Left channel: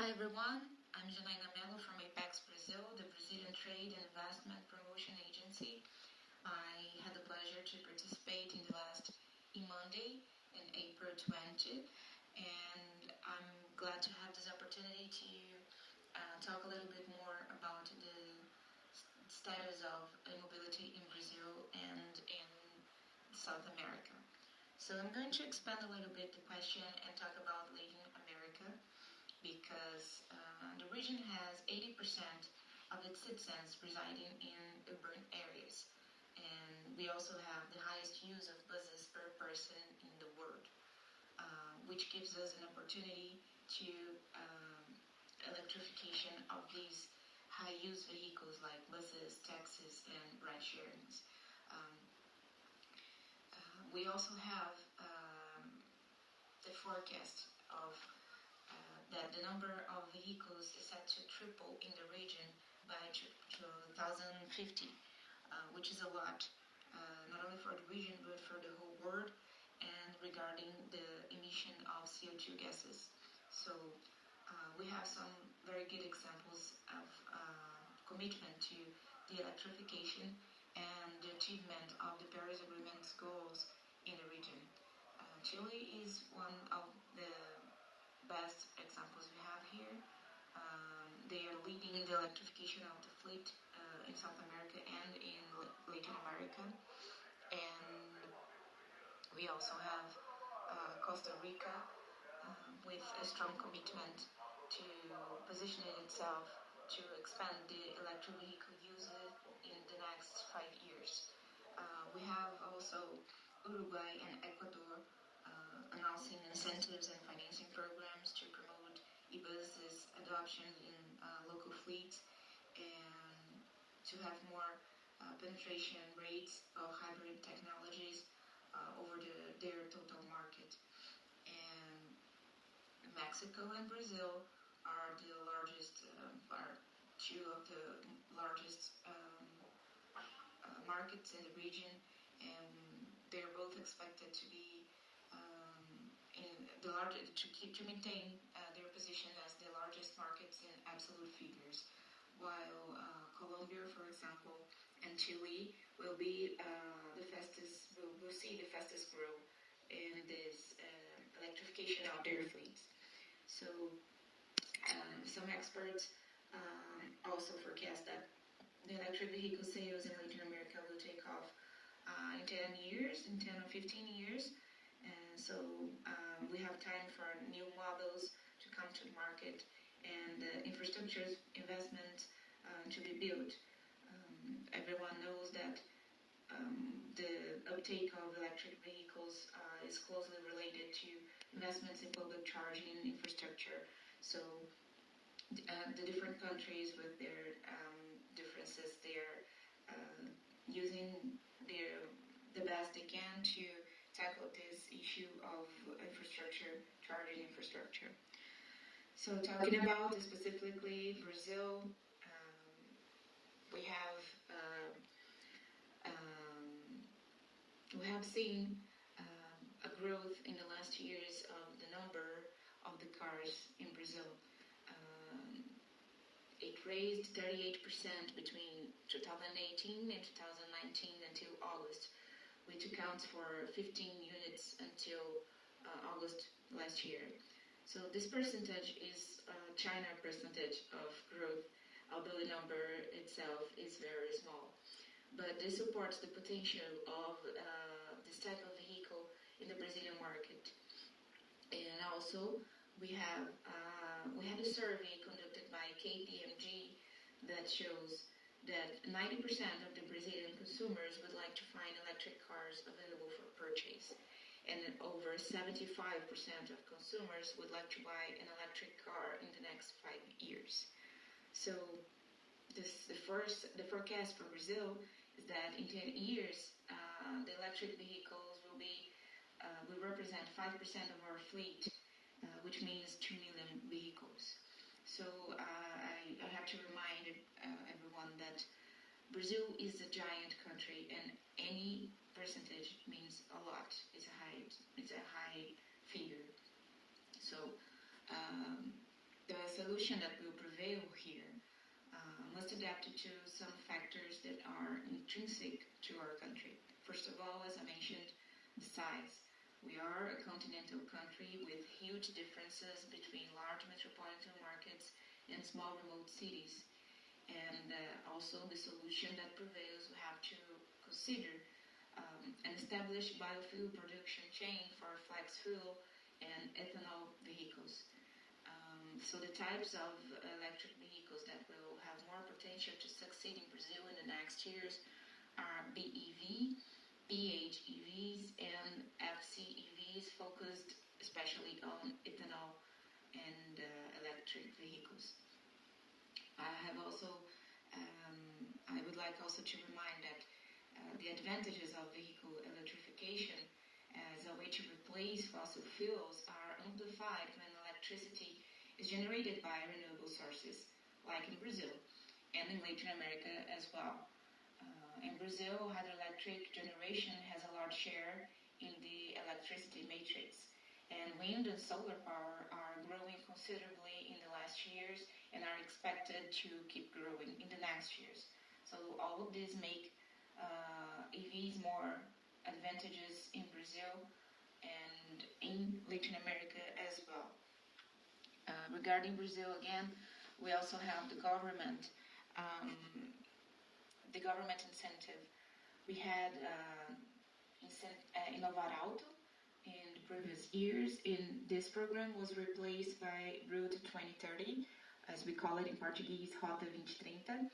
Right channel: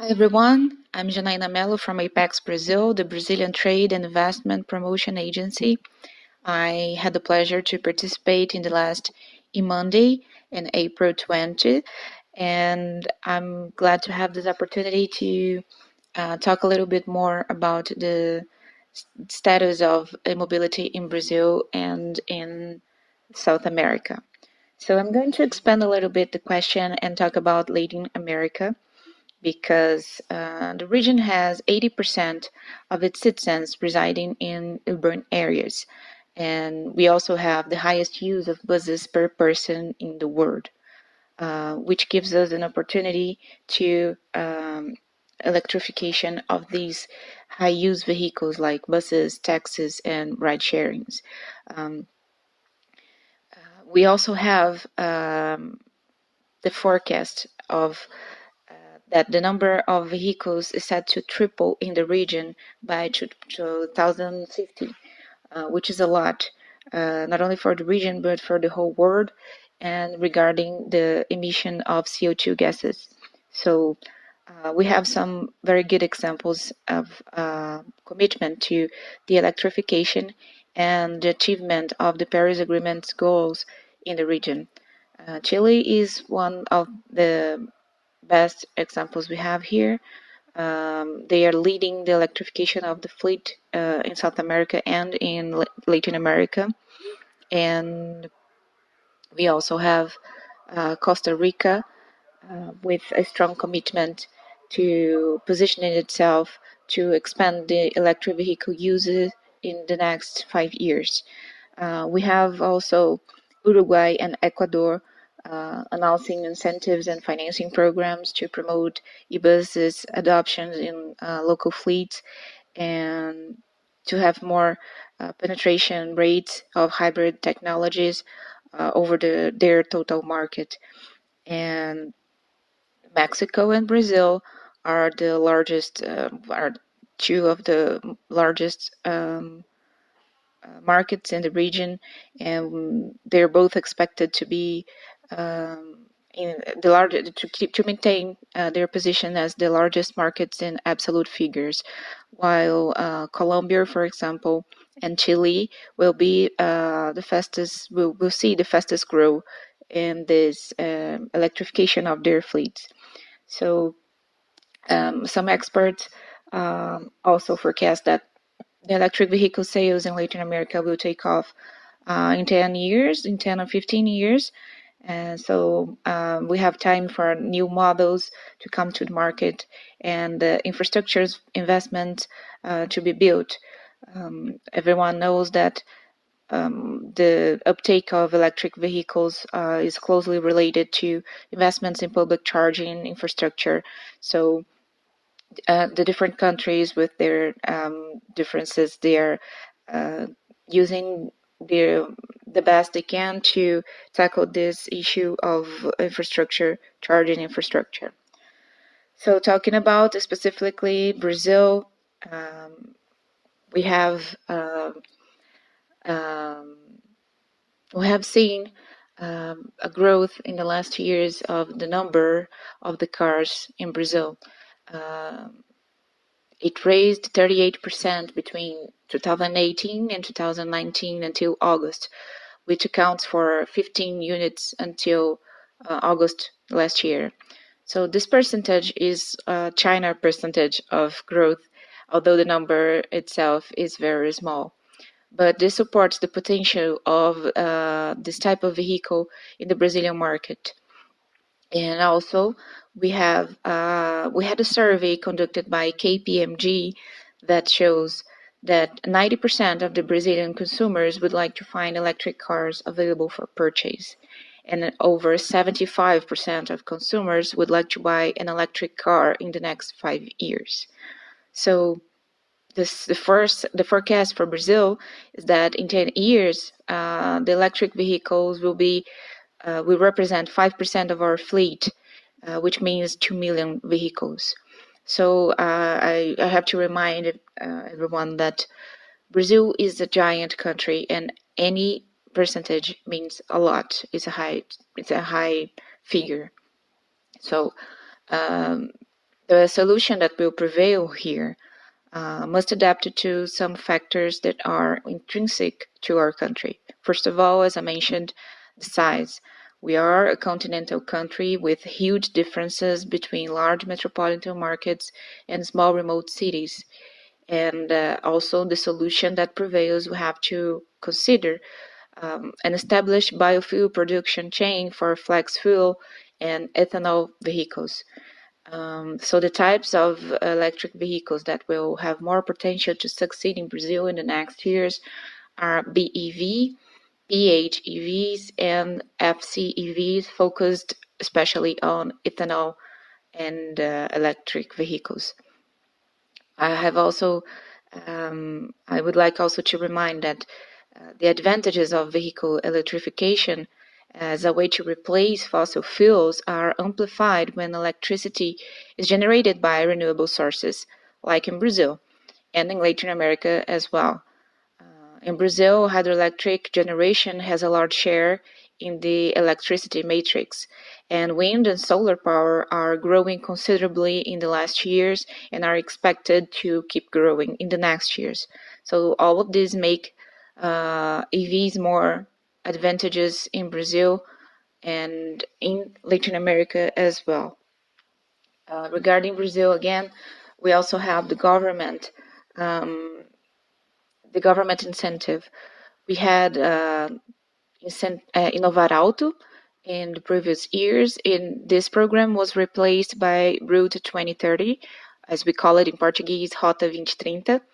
Hi everyone, I'm Janaina da Melo from ApexBrasil, the Brazilian Trade and Investment Promotion Agency. I had the pleasure to participate in the last Monday in April 20, and I'm glad to have this opportunity to talk a little bit more about the status of mobility in Brazil and in South America. So I'm going to expand a little bit the question and talk about Latin America because the region has 80% of its citizens residing in urban areas. And we also have the highest use of buses per person in the world, which gives us an opportunity to electrification of these high use vehicles like buses, taxis, and ride sharings. Um, we also have the forecast of that the number of vehicles is set to triple in the region by 2050, which is a lot, not only for the region but for the whole world, and regarding the emission of CO2 gases. So we have some very good examples of commitment to the electrification and the achievement of the Paris Agreement's goals in the region. Chile is one of the best examples we have here. They are leading the electrification of the fleet in South America and in Latin America. And we also have Costa Rica with a strong commitment to positioning itself to expand the electric vehicle uses in the next 5 years. We have also Uruguay and Ecuador announcing incentives and financing programs to promote e-buses adoptions in local fleets and to have more penetration rates of hybrid technologies over their total market. And Mexico and Brazil are the largest, are two of the largest markets in the region, and they're both expected to be in the largest to maintain their position as the largest markets in absolute figures, while Colombia, for example, and Chile will be the fastest. Will see the fastest growth in this electrification of their fleets. So some experts also forecast that the electric vehicle sales in Latin America will take off in 10 years, in 10 or 15 years. And so we have time for new models to come to the market and the infrastructures investment to be built. Everyone knows that the uptake of electric vehicles is closely related to investments in public charging infrastructure. So the different countries with their differences, they're using the best they can to tackle this issue of infrastructure, charging infrastructure. So talking about specifically Brazil, we have um, we have seen a growth in the last years of the number of the cars in Brazil. It raised 38% between 2018 and 2019 until August, which accounts for 15 units until August last year. So this percentage is China percentage of growth, although the number itself is very small. But this supports the potential of this type of vehicle in the Brazilian market. And also, we had a survey conducted by KPMG that shows that 90% of the Brazilian consumers would like to find electric cars available for purchase, and over 75% of consumers would like to buy an electric car in the next 5 years. So the forecast for Brazil is that in 10 years, the electric vehicles will represent 5% of our fleet, which means 2 million vehicles. So I have to remind everyone that Brazil is a giant country, and any percentage means a lot. It's a high figure. So The solution that will prevail here must adapt to some factors that are intrinsic to our country. First of all, as I mentioned, the size. We are a continental country with huge differences between large metropolitan markets and small remote cities. And also the solution that prevails, we have to consider an established biofuel production chain for flex fuel and ethanol vehicles. So the types of electric vehicles that will have more potential to succeed in Brazil in the next years are BEV, PHEVs, and FCEVs, focused especially on ethanol and electric vehicles. I would like also to remind that the advantages of vehicle electrification as a way to replace fossil fuels are amplified when electricity is generated by renewable sources, like in Brazil and in Latin America as well. In Brazil, hydroelectric generation has a large share in the electricity matrix, and wind and solar power are growing considerably in the last years and are expected to keep growing in the next years. So all of these make EVs more advantageous in Brazil and in Latin America as well. Regarding Brazil, again, we also have the government incentive. We had Inovar Alto in the previous years. This program was replaced by Route 2030, as we call it in Portuguese, Rota 2030.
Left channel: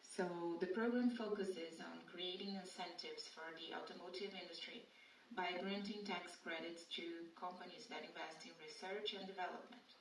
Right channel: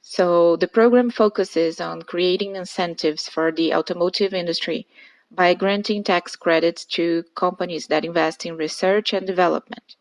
So the program focuses on creating incentives for the automotive industry by granting tax credits to companies that invest in research and development.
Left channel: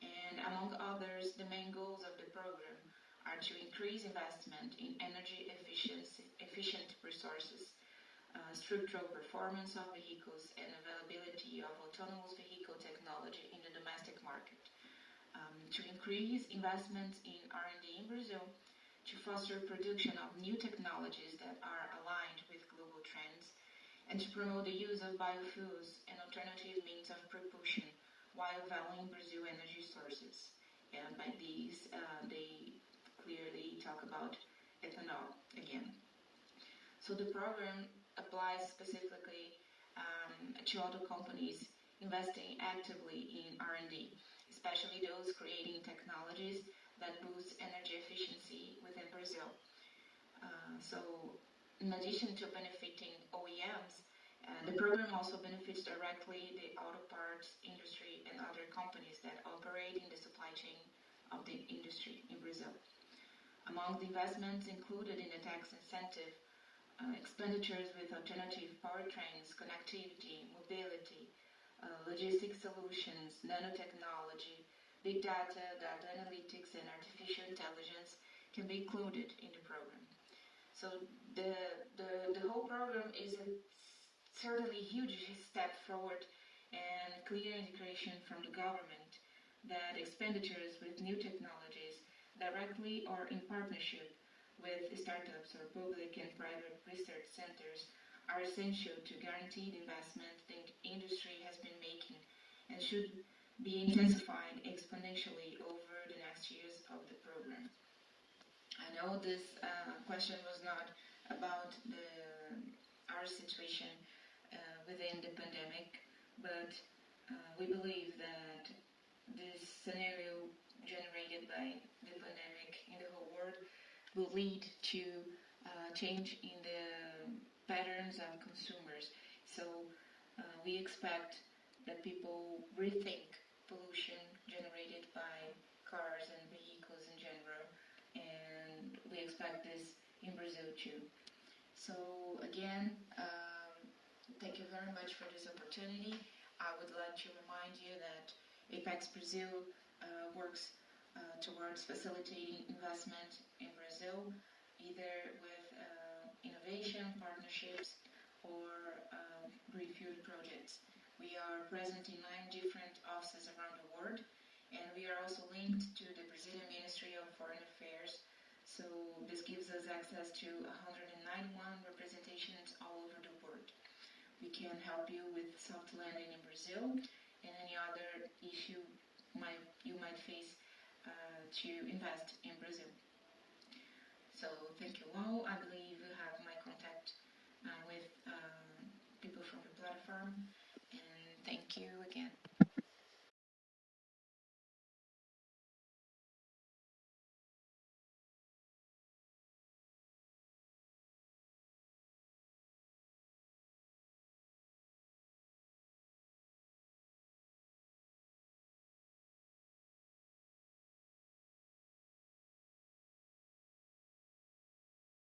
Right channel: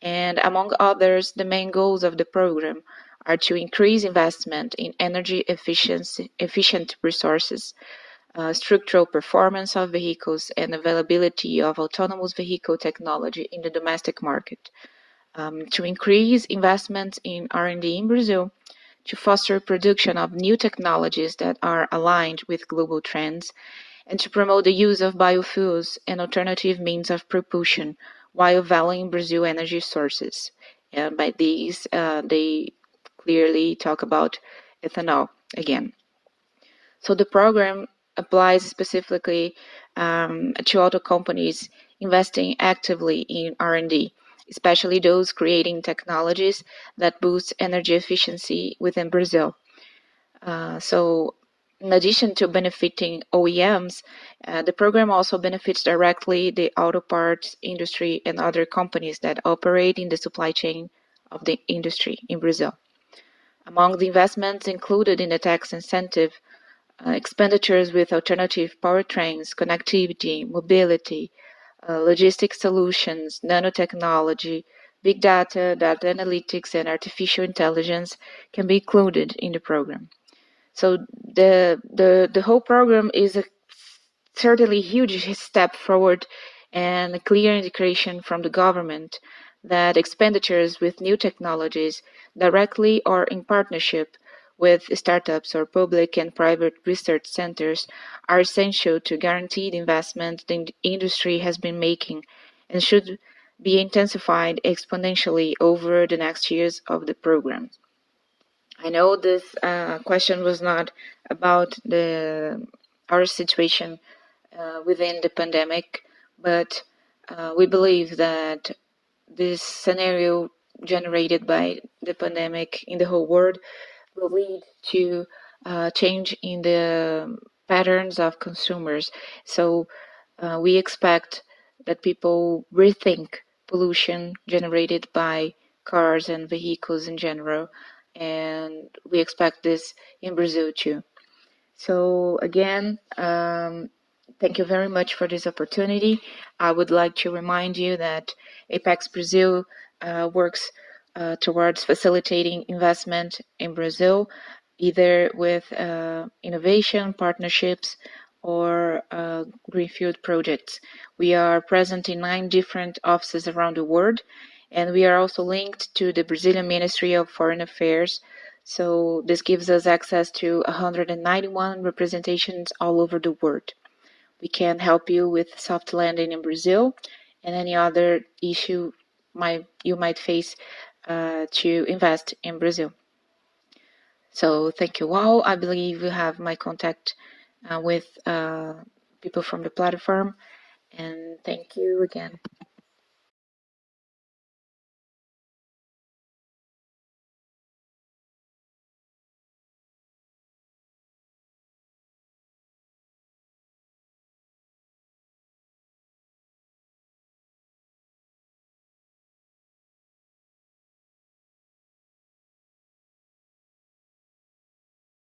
And among others, the main goals of the program are to increase investment in energy efficient resources, structural performance of vehicles, and availability of autonomous vehicle technology in the domestic market, to increase investments in R&D in Brazil, to foster production of new technologies that are aligned with global trends, and to promote the use of biofuels and alternative means of propulsion while valuing Brazil energy sources. And by these, they clearly talk about ethanol again. So the program applies specifically to auto companies investing actively in R&D, especially those creating technologies that boost energy efficiency within Brazil. So in addition to benefiting OEMs, the program also benefits directly the auto parts industry and other companies that operate in the supply chain of the industry in Brazil. Among the investments included in the tax incentive, expenditures with alternative powertrains, connectivity, mobility, logistic solutions, nanotechnology, big data, data analytics, and artificial intelligence can be included in the program. So the whole program is a certainly huge step forward and a clear indication from the government that expenditures with new technologies, directly or in partnership with startups or public and private research centers, are essential to guarantee the investment the industry has been making and should be intensified exponentially over the next years of the program. I know this question was not about our situation within the pandemic, but we believe that this scenario generated by the pandemic in the whole world will lead to change in the patterns of consumers. So we expect that people rethink pollution generated by cars and vehicles in general, and we expect this in Brazil too. So again, thank you very much for this opportunity. I would like to remind you that ApexBrasil works towards facilitating investment in Brazil, either with innovation partnerships or greenfield projects. We are present in 9 different offices around the world, and we are also linked to the Brazilian Ministry of Foreign Affairs. So this gives us access to 191 representations all over the world. We can help you with soft landing in Brazil and any other issue you might face to invest in Brazil. So thank you all. I believe you have my contact with people from the platform, and thank you again.